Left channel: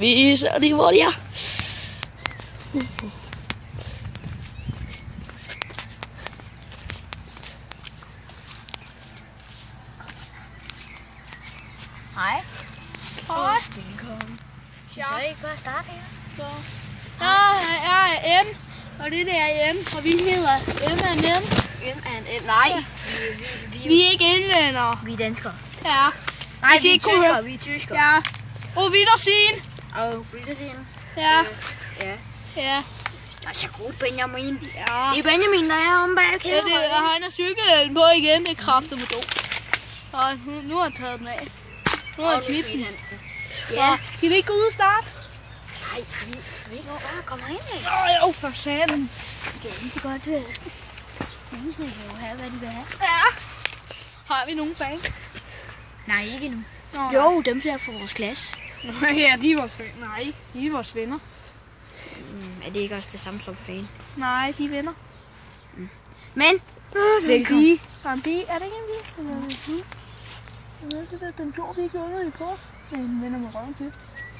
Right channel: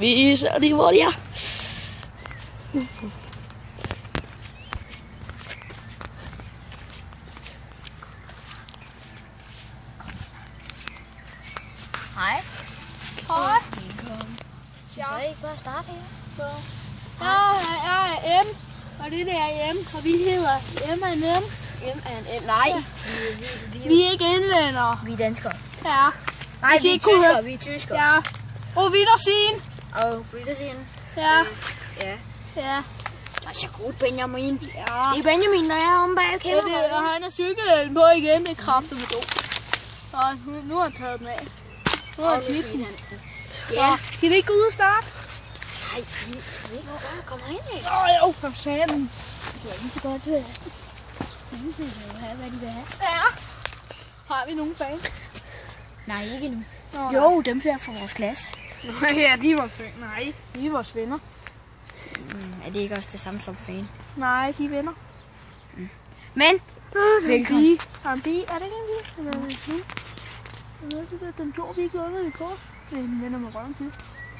Vi ser lige, hvor de er. Hej. Hej. Velkommen. Så I bare starte her. Så. Der er M, og det der er M, og vi hedder M and M. M and M. Nej. Vi er ikke englændere. Vi er danskere. Ja. Nej, vi er tyskere. Vi er tyskere. Ja. Og Wiedersehen. Og Wiedersehen. Ja. Ja. Ja. Der er så godt, Benjamin. Ja. Det er Benjamin, der er om bag Ja, kæden. og han har cykelhjelm på igen. Det er kraftigt med dog. Og nu har han taget den af. Nu har han smidt den. Ja. Skal vi ikke gå ud og starte? Nej, vi ikke komme herind, ikke? Jo, for satan. Det er lige så godt. Husene kan jo have, hvad de vil have. Ja. Har vi nogen fans? Nej, ikke endnu. Nå, Jo, dem der fra vores klasse. ja, de er vores venner. Nej, de er vores venner. Er det ikke også det samme som fan? Nej, de er venner. Men, velkommen. Der er en bi. Er det ikke en bi? Den gjorde vi ikke under det på. Den vender med røven til.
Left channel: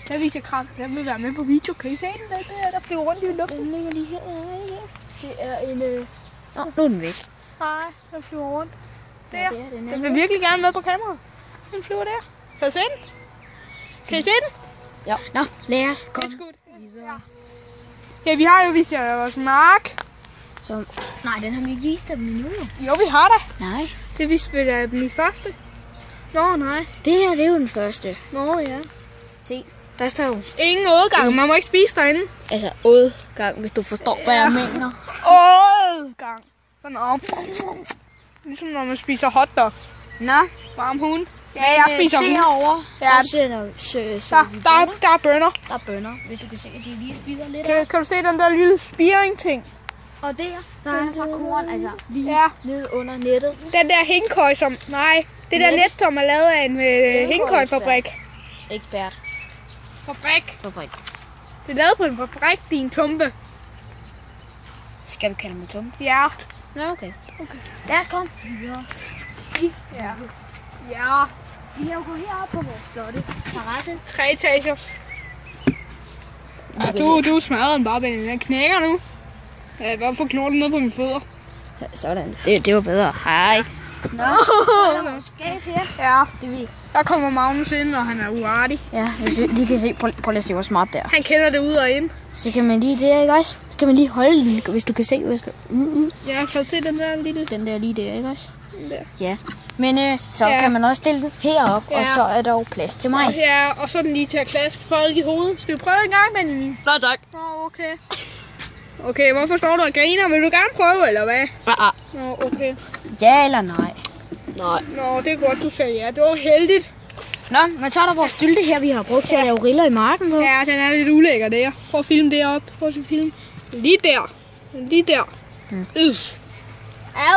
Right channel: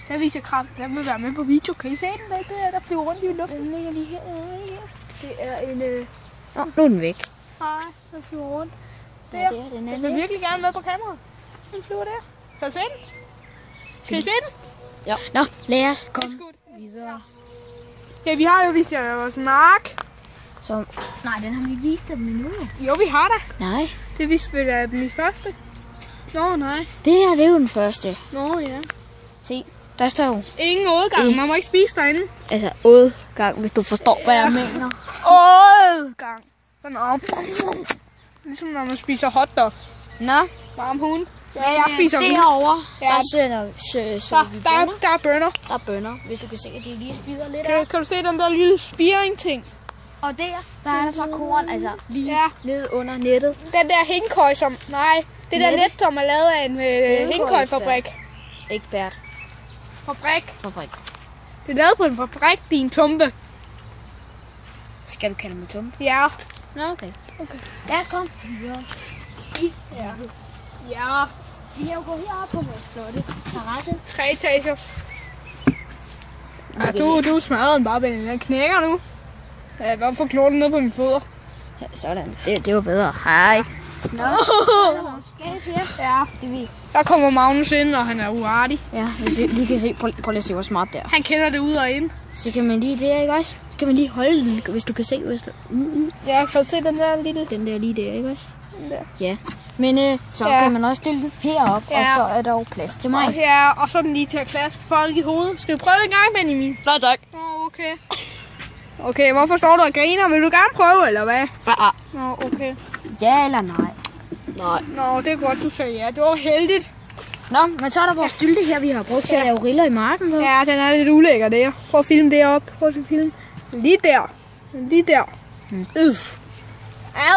Der viser kram. Der vil være med på video. Kan I se den? Der flyver rundt i luften. Den ligger lige her. Det er en... nu er den væk. Nej, der flyver rundt. Der. Ja, det er den. Den vil virkelig gerne med på kameraet. Den flyver der. Kan I se den? Kan I se den? Ja. Nå, lad os komme videre. Ja, vi har jo vist jer vores mark. Så, nej, den har vi ikke vist dem endnu. Jo, vi har da. Nej. Det viste vi da den første. Nå, nej. Det her, det er jo den første. Nå, ja. Se, der står jo. Ingen udgang. Man må ikke spise derinde. Altså, udgang, hvis du forstår, hvad jeg mener. Udgang. Sådan om. Ligesom når man spiser hotdog. Nå. Varm hund. Ja, jeg spiser den. Derovre, ja. Der er bønner. Der er bønner, hvis du kan se, at de lige spiser lidt kan du se den der lille spiring-ting? Og der er så korn, altså lige nede under nettet. Den der hængkøj, som... Nej, det der net, som er lavet af en hængkøjfabrik. Ekspert. Fabrik. Det er lavet på en fabrik, din tumpe. Skal vi kalde mig tumpe? Ja. Nå, okay. Lad os komme. Ja. Ja. Vi har jo gået herop på vores flotte terrasse. 3 etager. Ja, du smadrer den bare, Benjamin. Den knækker nu. Jeg kan godt få knurten ned på mine fødder. Ja, sådan. Det var bedre. Hej. Nå. Skab her. Ja. Det er vi. Der kommer Magnus ind, og han er uartig. Ja, vi kan se. Prøv lige at se, hvor smart det er. Han kender det ud og ind. Så kan man lige der, ikke også? Så kan man lige holde den, hvis du kan se. Hvis du... Ja, kan du se den der lille? Den der lige der, ikke også? Der. Ja. Men så kan man også stille den herop, og så er der jo plads til mig. Ja, og så er den lige til at klaske folk i hovedet. Skal vi prøve en gang, Benjamin? Nej, tak. Okay. Okay, hvorfor står du og griner? Vil du gerne prøve, eller hvad? Ja. Nå, okay. Ja eller nej? Nej. Nå, det er godt, du sagde ja. Det var heldigt. Nå, men så er der vores stylte her, vi har brugt til at lave riller i marken på. Ja, den er lidt ulækker der. Prøv at filme deroppe. Prøv at filme. Lige der. Lige der.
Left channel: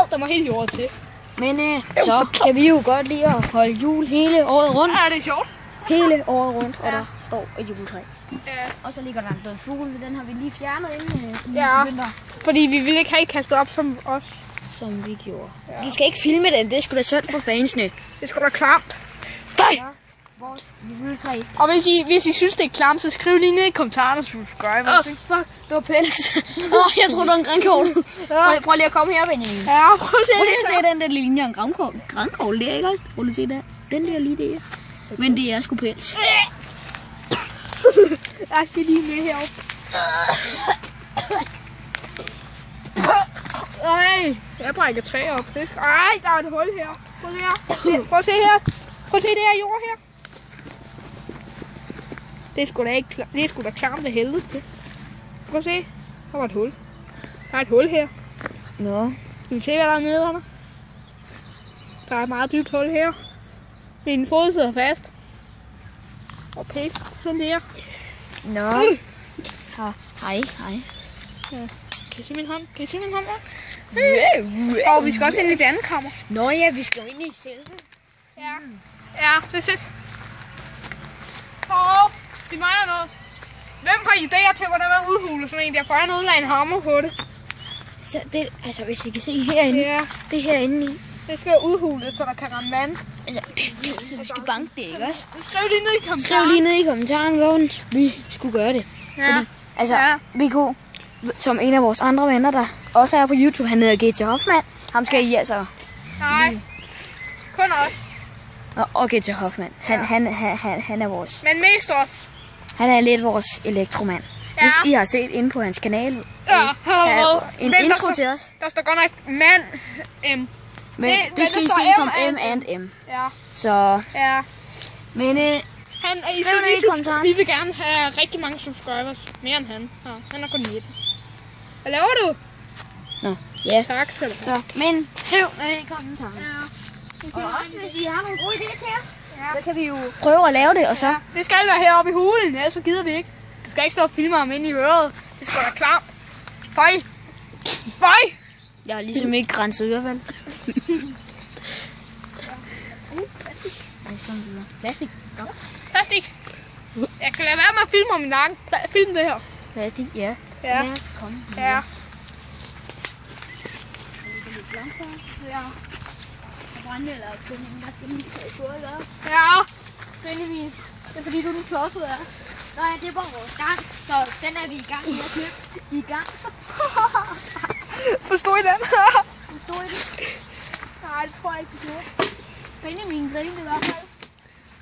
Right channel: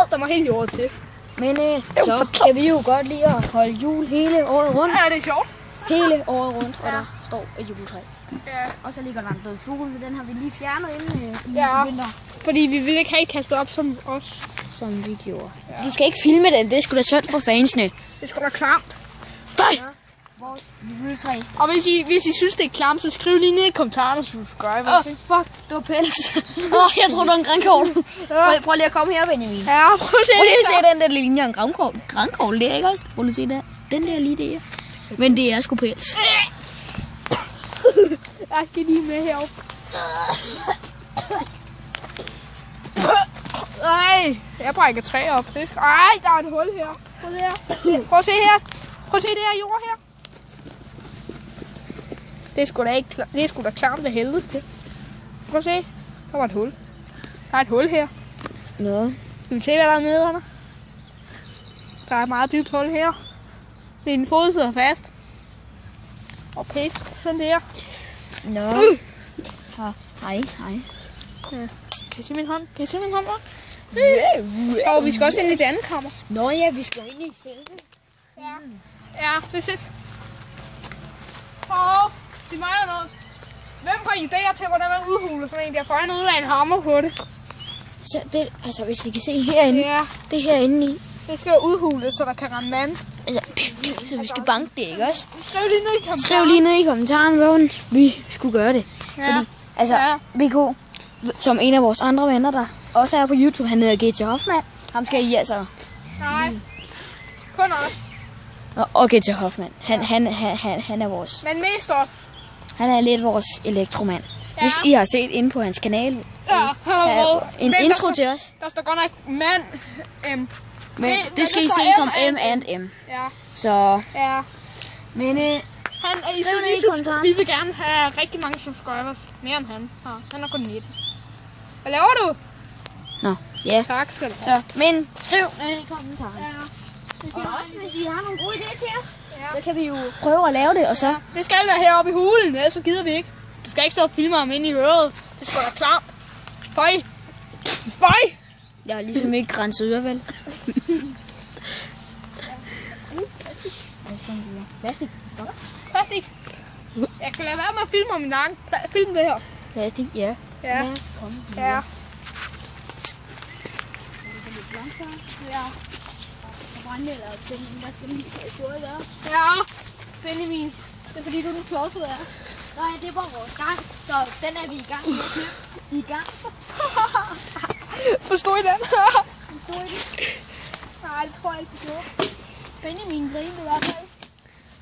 Der må helt jordet til. Men så kan vi jo godt lide at holde jul hele året rundt. Ja, det er sjovt. Hele året rundt, og der står et juletræ. Ja. Og så ligger der en død fugl, men den har vi lige fjernet inden vinter. Fordi vi ville ikke have kastet op som os. Som vi gjorde. Ja. Du skal ikke filme den, det er sgu da synd for fansene. Det er sgu da klamt. Ja, vores juletræ. Og hvis I synes, det er klamt, så skriv lige ned i kommentarerne, så subscribe. Fuck, det var pels. Jeg tror, det var en grænkogl. Prøv lige at komme her, Benjamin. Ja, prøv lige at se den der linje af en grænkogl. Det er ikke også? Prøv lige at se der. Den der lige der. Men det er sgu pels. Jeg skal lige med heroppe. Ej, jeg brækker træer op. Ej, der er et hul her. Prøv at se her. Prøv at se her. Prøv at se det her jord her. Det er sgu da ikke det er sgu da klamt af helvede til. Prøv at se. Der var et hul. Der er et hul her. Nå. Skal du se, hvad der er nede under? Der er et meget dybt hul her. Din fod sidder fast. Og pis. Sådan der. Nå. Hej. Ja. Kan I se min hånd? Kan I se min hånd? Og vi skal også ind i det andet kammer. Nå ja, vi skal ind i selve. Ja, præcis. Så, vi mangler noget. Hvem har idéer til, hvordan man udhuler sådan en der? Bare noget af en hammer på det. Så det, altså hvis I kan se herinde, Ja. det herinde i, Det skal være udhulet, så der kan ramme vand. Altså, så vi skal banke det, ikke også? Skriv lige ned i kommentaren. Skriv lige ned i kommentaren, hvordan vi skulle gøre det. Ja. Fordi, altså, VK, som en af vores andre venner, der også er på YouTube, han hedder GT Hoffmann. Ham skal I altså... Nej, kun os. Og GT Hoffmann. Han er vores... Men mest os. Han er lidt vores elektromand. Ja. Hvis I har set inde på hans kanal, Ja, en intro til os. Der står godt nok mand M. Men det skal I står se som M M and M. Ja, Så... ja. Men Vi vil gerne have rigtig mange subscribers. Mere end han. Ja, han er kun 19. Hvad laver du? Nå, ja. Tak skal du have. Så, men skriv ned i kommentaren. Ja. Og også hvis I har nogle gode idéer til os, så kan vi jo prøve at lave det, og så... Ja. Det skal være heroppe i hulen, ellers så gider vi ikke. Du skal ikke stå og filme ham inde i øret. Det skal være klart. Føj! Føj! Jeg har ligesom ikke renset ørevel. Plastik. Plastik. Jeg kan lade være med at filme om min nakken. Film det her. Plastik, ja. Ja. Lad os komme. Ja. Ja. Ja. Benjamin. Det er fordi, du er den klodsede af. Nå ja, det var vores gang. Så den er vi i gang med at købe. I gang. Forstod I den? Forstår I det? Nej, det tror jeg ikke, du gjorde. Benjamin grinede i hvert fald.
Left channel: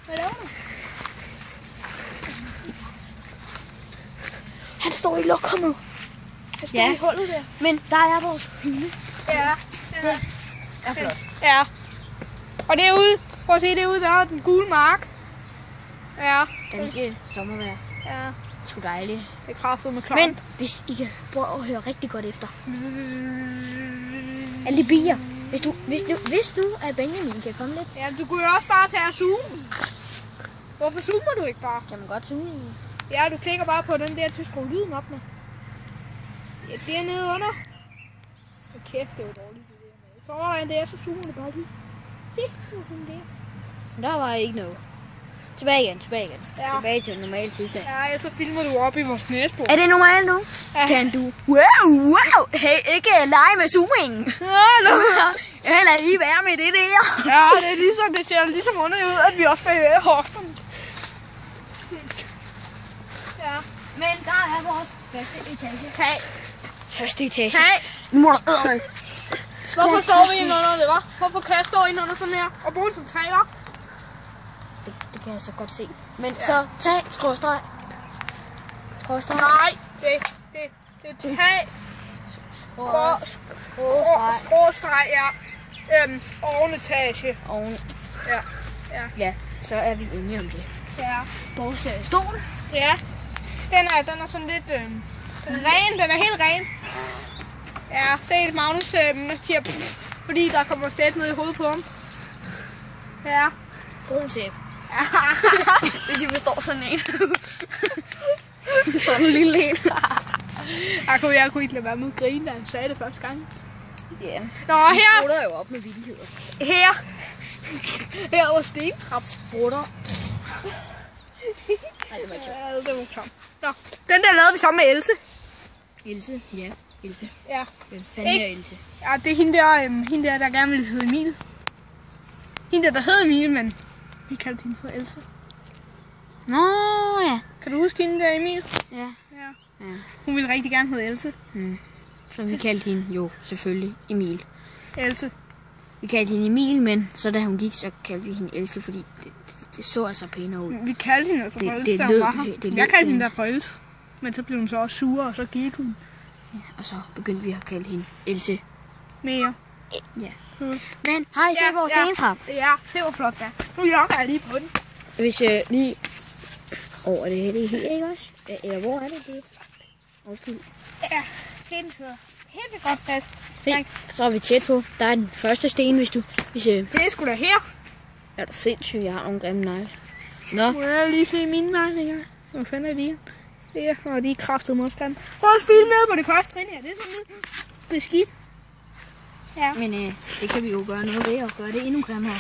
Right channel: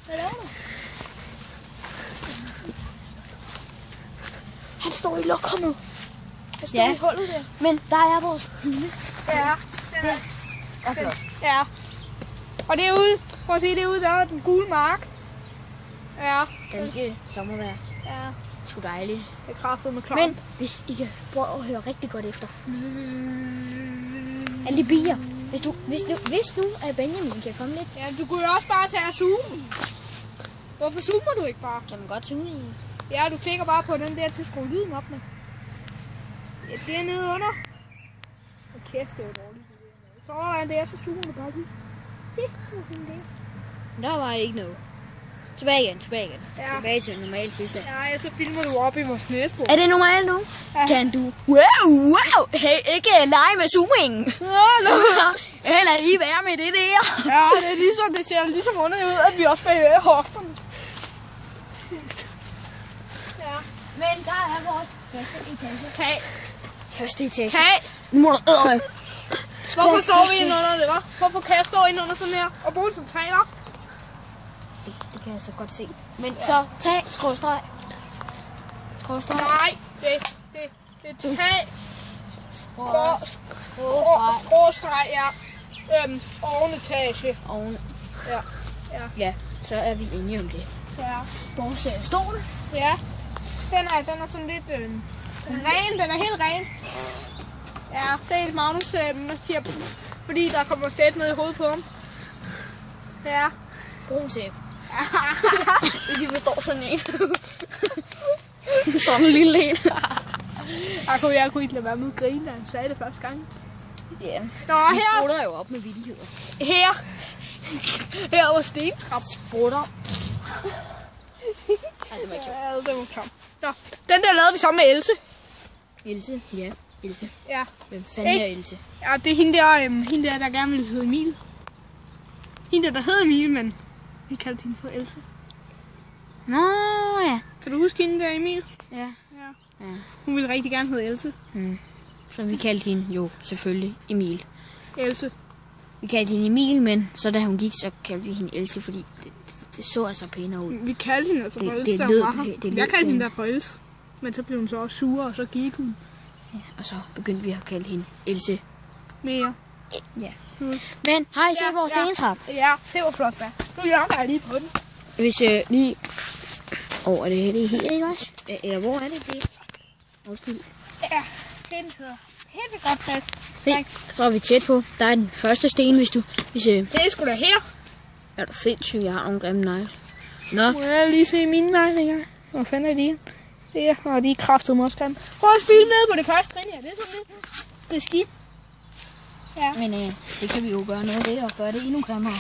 Hvad laver du? Han står i lokummet. Jeg står i hullet der. Men der er vores hylde. Ja. Det er flot. Ja. Og derude, prøv at se derude, der er den gule mark. Ja. Danske sommervejr. Ja. Sgu dejligt. Det er kraftigt med klart. Men hvis I kan prøve at høre rigtig godt efter. Alle de bier. Hvis nu at Benjamin kan komme lidt. Ja, du kunne jo også bare tage og zoome. Hvorfor zoomer du ikke bare? Kan man godt zoome i? Ja, du klikker bare på den der til at skrue lyden op med. Ja, det er nede under. Og kæft, det var dårligt. Så er det, så zoomer du bare lige. Se, sådan det. Der var ikke noget. Tilbage igen. Ja. Tilbage til en normal tilstand. Ja, så filmer du op i vores næsbord. Er det normalt nu? Ja. Kan du? Wow! Hey, ikke lege med zooming. Eller lige være med det der. Ja, det er ligesom, det ser ligesom underligt ud, at vi også bevæger i hofterne. Ja. Men der er vores første etage. Tag. Første etage. Tag. Nu må du Hvorfor står vi inde under det, hva'? Hvorfor kan jeg stå inde under sådan her og bruge det som tag op? Det kan jeg så godt se. Men så tag, skråstreg. Skråstreg. Nej, det er tag. Skråstreg, ja. Ovenetage. Oven. Ja. Ja, så er vi enige om det. Ja. Vores stol. Ja. Den er sådan lidt ren. Den er helt ren. Ja, se Magnus siger fordi der kommer sæt ned i hovedet på ham. Ja. Brun tæp. Hvis I forstår sådan en. Sådan en lille en. Jeg kunne ikke lade være med at grine, da han sagde det første gang. Ja. Nå, Vi her. sprutter jo op med vildigheder. Her var stentrap. Sprutter. Nej, det var ikke sjovt. Ja, det var tom. Nå, den der lavede vi sammen med Else. Else? Ja, Else. Ja. Den fanden er Else. Ja, det er hende der gerne ville hedde Emil. Hende der hed Emil, men vi kaldte hende for Else. Nå, ja. Kan du huske hende der, Emil? Ja. Ja. Hun ville rigtig gerne hedde Else. Så vi kaldte hende jo selvfølgelig Emil. Else. Vi kaldte hende Emil, men så da hun gik, så kaldte vi hende Else, fordi det så altså pænere ud. Vi kaldte hende altså for Else. det da lød hun var her. det lød Jeg kaldte hende pænt. der for Else. Men så blev hun så også sur, og så gik hun Ja, og så begyndte vi at kalde hende Else. mere. Ja. Mm. Men har I set vores stentrap? Ja, det var flot der. Nu jogger jeg lige på den. Hvis lige... er det her, ikke også? Eller hvor er det? Undskyld. Ja, helt godt fast. Se, så er vi tæt på. Der er den første sten, hvis Det er sgu da her. Er du sindssygt, jeg har nogle grimme negle. Nå. Må jeg lige se mine negle her? Hvor fanden er de? Det er, og de er kraftigt modstand. Prøv at filme ned på det første trin her. Det er sådan lidt beskidt. Ja. Men det kan vi jo gøre noget ved og gøre det endnu grimmere.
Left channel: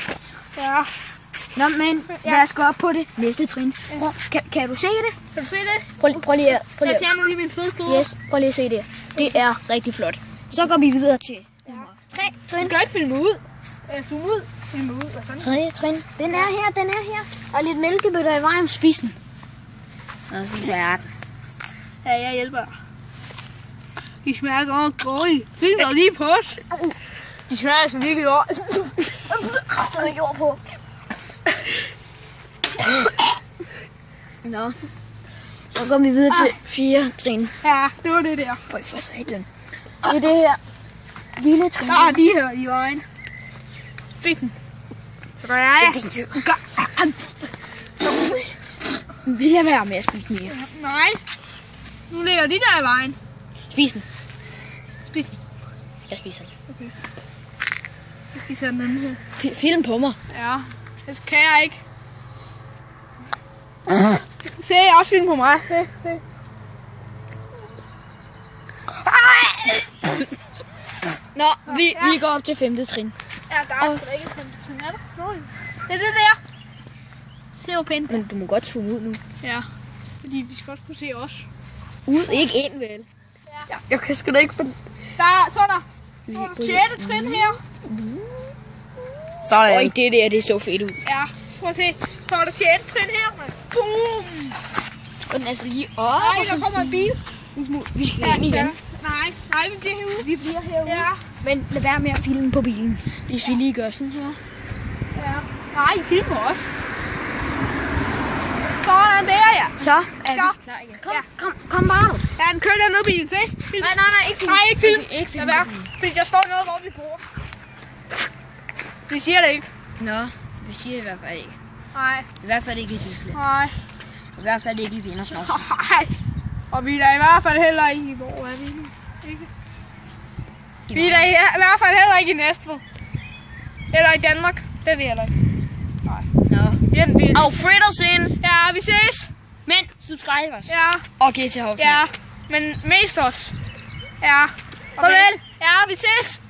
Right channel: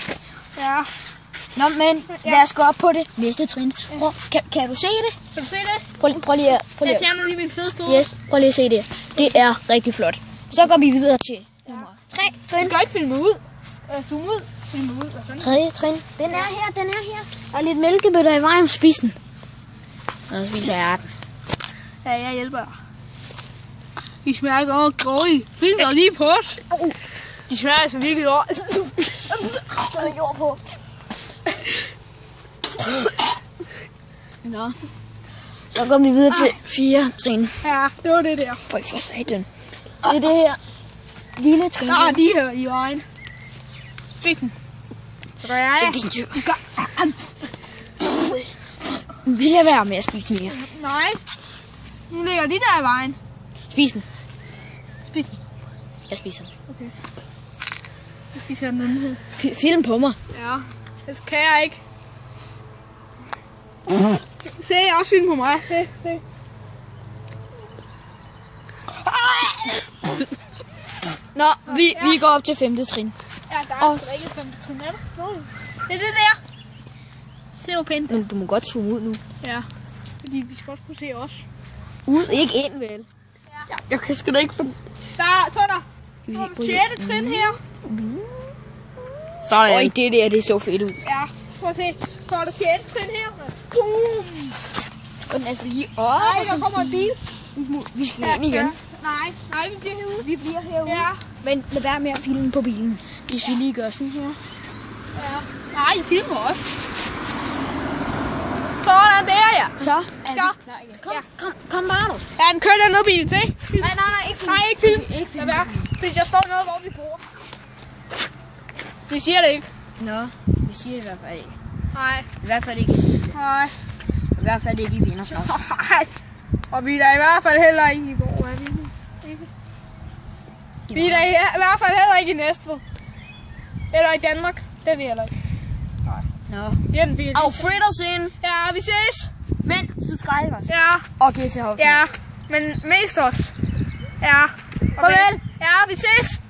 Ja. Nå, men lad os gå op på det næste trin. Prøv, kan du se det? Kan du se det? Prøv lige at... Jeg fjerner lige min fede fod. Yes, prøv lige at se det. Det er rigtig flot. Så går vi videre til nummer 3 Du trin. skal ikke filme ud. Zoom ud. Zoom ud. Hvad sådan? Tredje trin. Den er her. Og lidt mælkebøtter i vejen. Spis den. Nå, spiser jeg den. Ja, jeg hjælper dig. De smager godt grådige. Fint og lige på os. De smager altså virkelig godt. Der er jord på. Nå. Så går vi videre til 4 trin. Ja, det var det der. Prøv for satan. Det er det her lille trin. Der er de her i vejen. Spis den. Så gør jeg. Vil jeg være med at spise mere? Nej. Nu ligger de der i vejen. Spis den. Spis den. Jeg spiser den. Okay. Jeg spiser den anden her. Film på mig. Ja, det kan jeg ikke. Se, jeg også film på mig. Se. Nå, vi går op til 5. trin. Ja, der er sgu da ikke 5. trin, er der? Nå, det er det der. Se hvor pænt. Men du må godt zoome ud nu. Ja, fordi vi skal også kunne se os. Ud, ikke ind vel? Ja. Jeg kan sgu da ikke få... Så er der 6. trin her. Sådan. Øj, det der, det så fedt ud. Ja, prøv at se. Så er der 6. trin her. Boom! Og den er så lige op. Nej, der kommer en bil. Vi skal ind igen. Nej, vi bliver herude. Vi bliver herude. Ja. Men lad være med at filme på bilen. Hvis vi lige gør sådan her. Ja. Nej, I filmer også. Sådan der, ja. Så. Kom bare nu. Ja, den kører der noget bil til. Nej, ikke film. Nej, ikke film. Lad være. Fordi der står noget, hvor vi bor. Vi siger det ikke. Nå, vi siger det i hvert fald ikke. Nej. I hvert fald ikke. Nej. I hvert fald ikke i Vindersnors. Nej. Og vi er da i hvert fald heller ikke i hvor er vi nu? Ikke? Vi er da i hvert fald heller ikke i Næstved. Eller i Danmark. Det er vi heller ikke. Nej. Nå. Hjem, vi Auf Wiedersehen. Ja, vi ses. Men subscribe os. Ja. Og giv til Hoffmann. Ja. Men mest os. Ja. Farvel. Ja, vi ses.